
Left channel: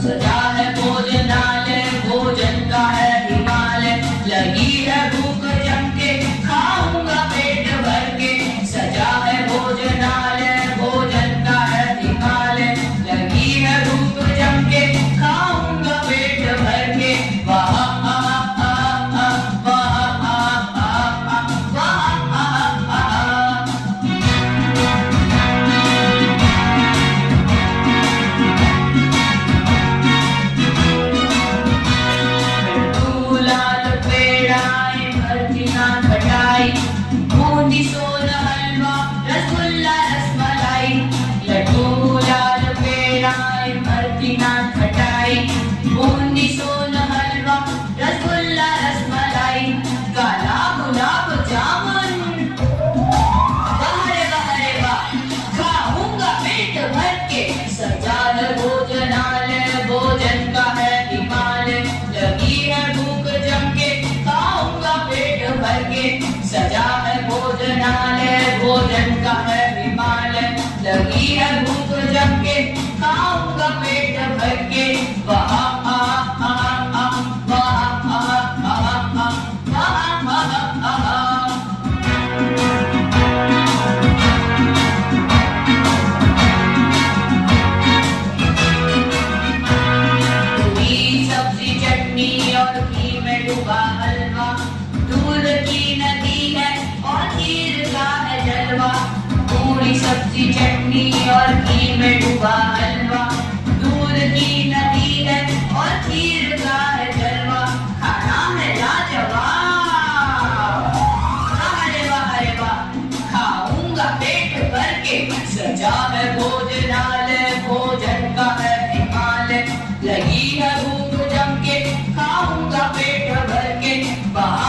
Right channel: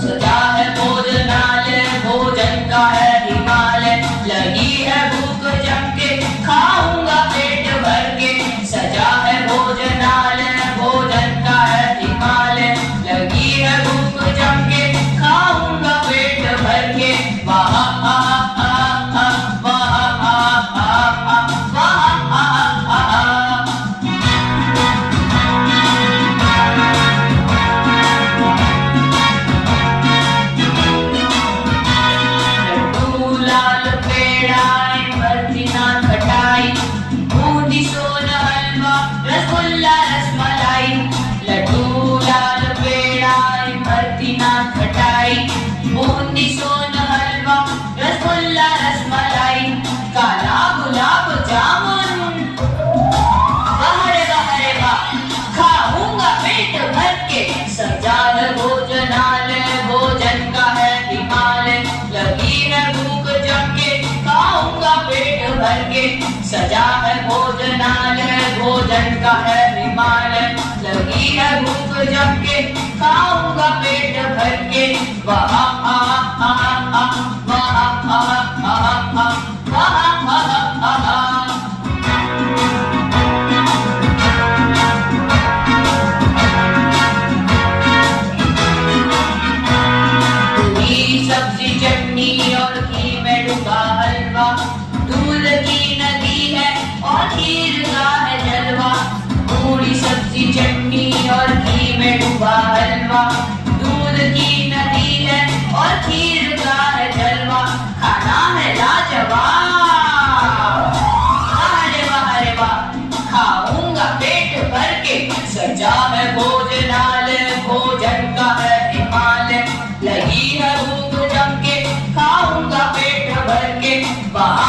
सजा है भोजनालय, भोजन का है हिमालय, लगी है भूख जम के, खाऊंगा पेट भर के। सजा है भोजनालय, भोजन का है हिमालय, लगी है भूख जम के, खाऊंगा पेट भर के। वाह बूंदी सोन हलवा, रसगुल्ला रसमलाई, लड्डू लाल पेड़ा इमरती ना खटाई। बूंदी सोन हलवा, रसगुल्ला रसमलाई, काला गुलाब जामुन, वाह रे वाह, खाऊंगा पेट भर के। सजा है भोजनालय, भोजन का है हिमालय, लगी है भूख जम के, खाऊंगा पेट भर के। सजा है भोजनालय, भोजन का है हिमालय, लगी है भूख जम के, खाऊंगा पेट भर के। वाह पूरी सब्जी चटनी और घी में डूबा हलवा, दूध की नदी है और खीर का है जलवा। पूरी सब्जी चटनी और घी में डूबा हलवा, दूध की नदी है और खीर का है जलवा। खाना है लाजवाब, वाह रे वाह, खाऊंगा पेट भर के। सजा है भोजनालय, भोजन का है हिमालय, लगी है भूख जम के, खाऊंगा पेट भर के। वाह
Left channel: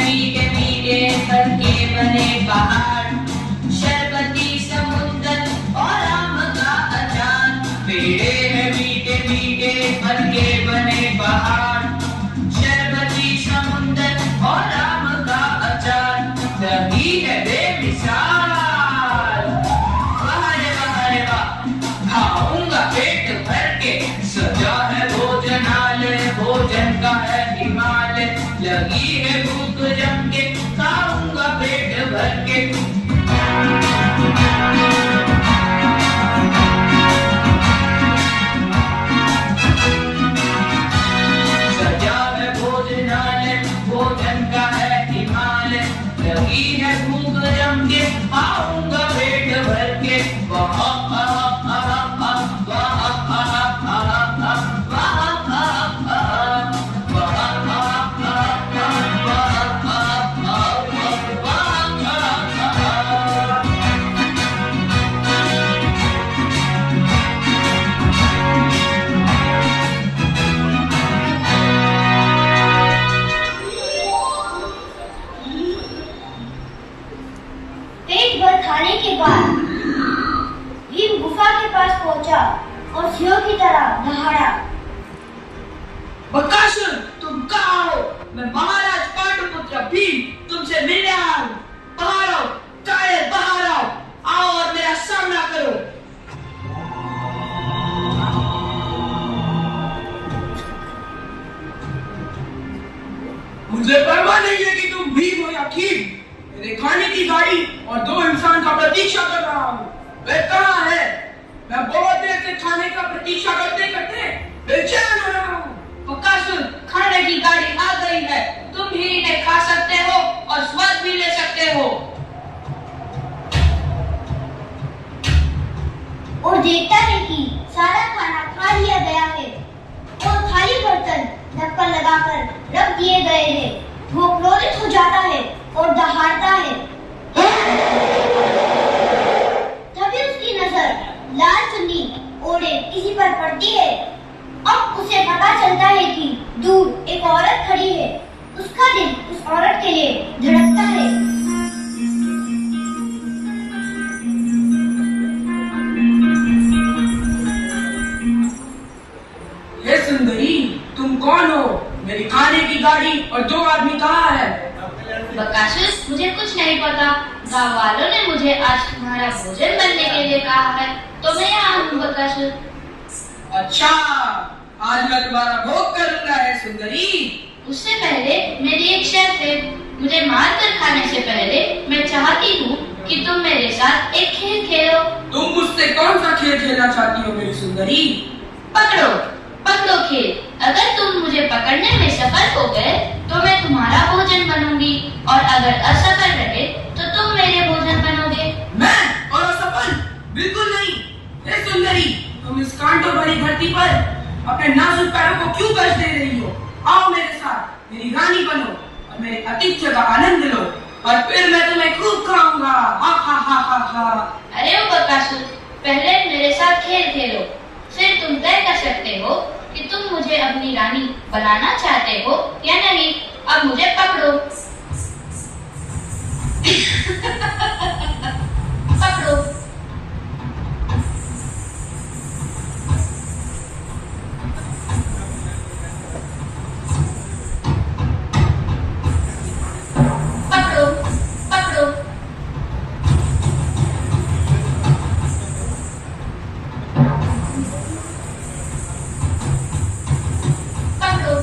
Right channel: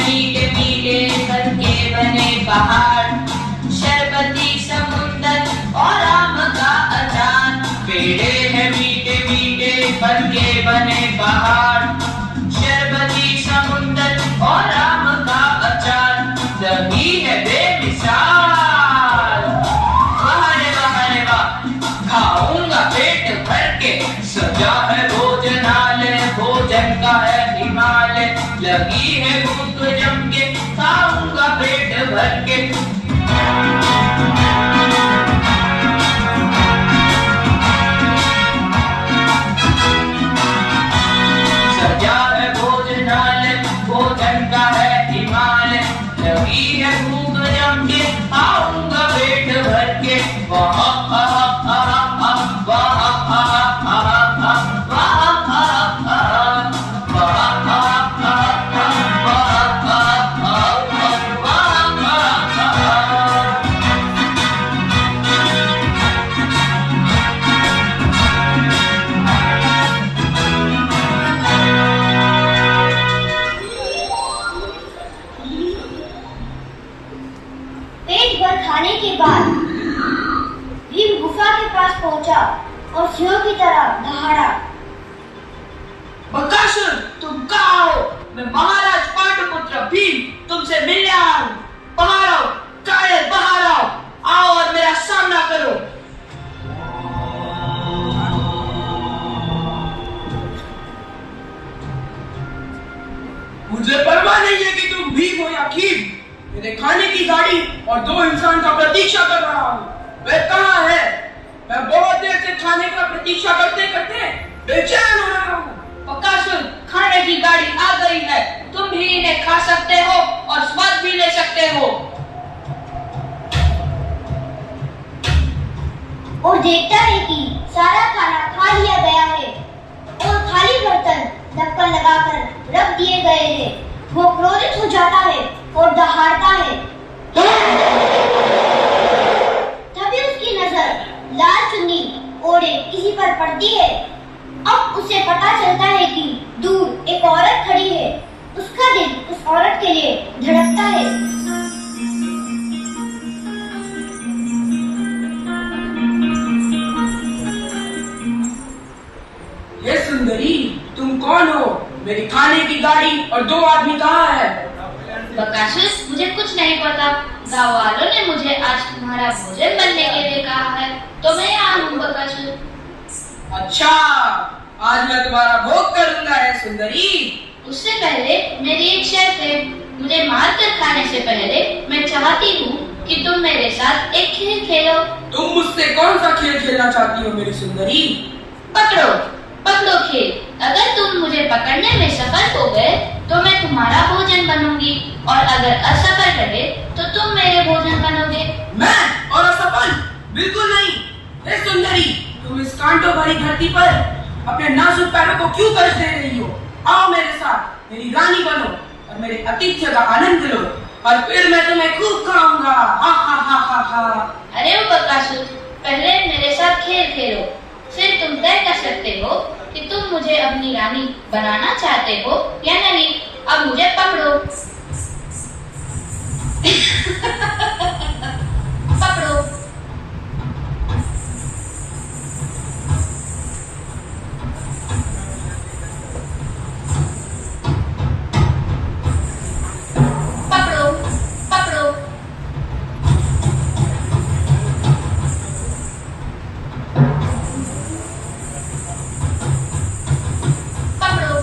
मीठे मीठे करके बने पहाड़, शरबती समुंदर और आम का अचार। पेड़े हैं मीठे मीठे करके बने पहाड़, शरबती समुंदर और आम का अचार। दही है बेमिसाल, वाह रे वाह, खाऊंगा पेट भर के। सजा है भोजनालय, भोजन का है हिमालय, लगी है भूख जम के, खाऊंगा पेट भर के। सजा है भोजनालय, भोजन का है हिमालय, लगी है भूख जम के, खाऊंगा पेट भर मैं महाराज पाटलिपुत्र भीम तुमसे मिलने आया हूँ। बाहर आओ कायर, बाहर आओ और मेरा सामना करो। मुझे परवाह नहीं है कि तुम भीम हो या खीर। मेरे खाने की गाड़ी और 2 इंसान का प्रतीक्षा कर रहा हूँ। वह कहाँ है? मैं बहुत देर से खाने का प्रतीक्षा करते करते बेचैन हो रहा हूँ। बकासुर, खाने की गाड़ी आ गई है। तुम भी इन्हें खा सकते हो और स्वाद भी ले सकते हो। और देखता है कि सारा खाना खा लिया गया है और खाली बर्तन ढक्कन लगाकर रख दिए गए हैं। वो क्रोधित हो जाता है और दहाड़ता है। तभी उसकी नजर लाल चुन्नी ओढ़े किसी पर पड़ती है। अब उसे पता चलता है कि दूर एक औरत खड़ी है। उसका दिल उस औरत के लिए धड़कता है। ये सुंदरी, तुम कौन हो? मेरी खाने की गाड़ी और 2 आदमी कहाँ है? बकासुर, मुझे कुछ नहीं पता। गाँव वालों ने मुझे आज तुम्हारा भोजन बनने के लिए कहा है, तो मैं यहाँ हूँ बकासुर। अच्छा, आज मैं तुम्हारा भोग करूंगा है सुंदरी। उससे पहले मेरी एक शर्त है। मुझे मार कर खाने से पहले मैं चाहती हूँ कि तुम मेरे साथ एक खेल खेलो। तुम मुझसे कौन सा खेल खेलना चाहती हो मेरी सुंदरी? पकड़ो पकड़ो खेल। अगर तुम मुझे पकड़ने में सफल हो गए तो मैं तुम्हारा भोजन बनूंगी, और अगर असफल रहे तो तुम मेरे भोजन बनोगे। मैं और असफल? बिल्कुल नहीं। हे सुंदरी, तुम इस कांटों भरी धरती पर अपने नाजुक पैरों को क्यों कष्ट दे रही हो? आओ मेरे साथ, मेरी रानी बनो और मेरे आतिथ्य का आनंद लो, और फिर मैं तुम्हें खूब खाऊंगा। हा हा हा हा हा। अरे ओ बकासुर, पहले मेरे साथ खेल खेलो, फिर तुम तय कर सकते हो कि तुम मुझे अपनी रानी बनाना चाहते हो या नहीं। अब मुझे पकड़ो। पकड़ो। पकड़ो पकड़ो। पकड़ो।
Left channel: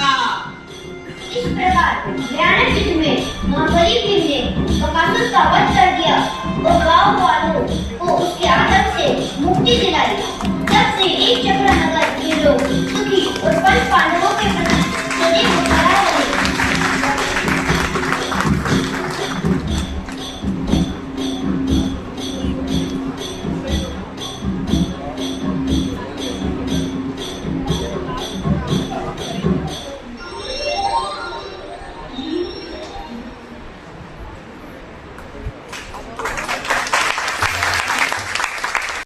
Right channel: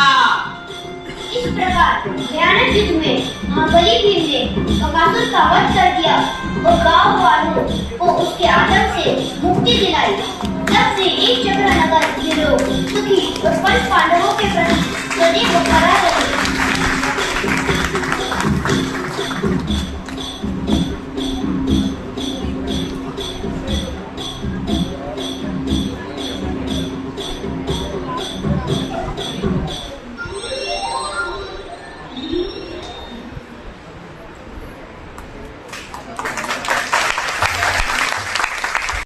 था। इस प्रकार भयानक युद्ध में महाबली भीम ने बकासुर का वध कर दिया और गांव वालों को उसके आतंक से मुक्ति दिलाई। तब से एक चक्र नगर के लोग सुखी और पंच पांडवों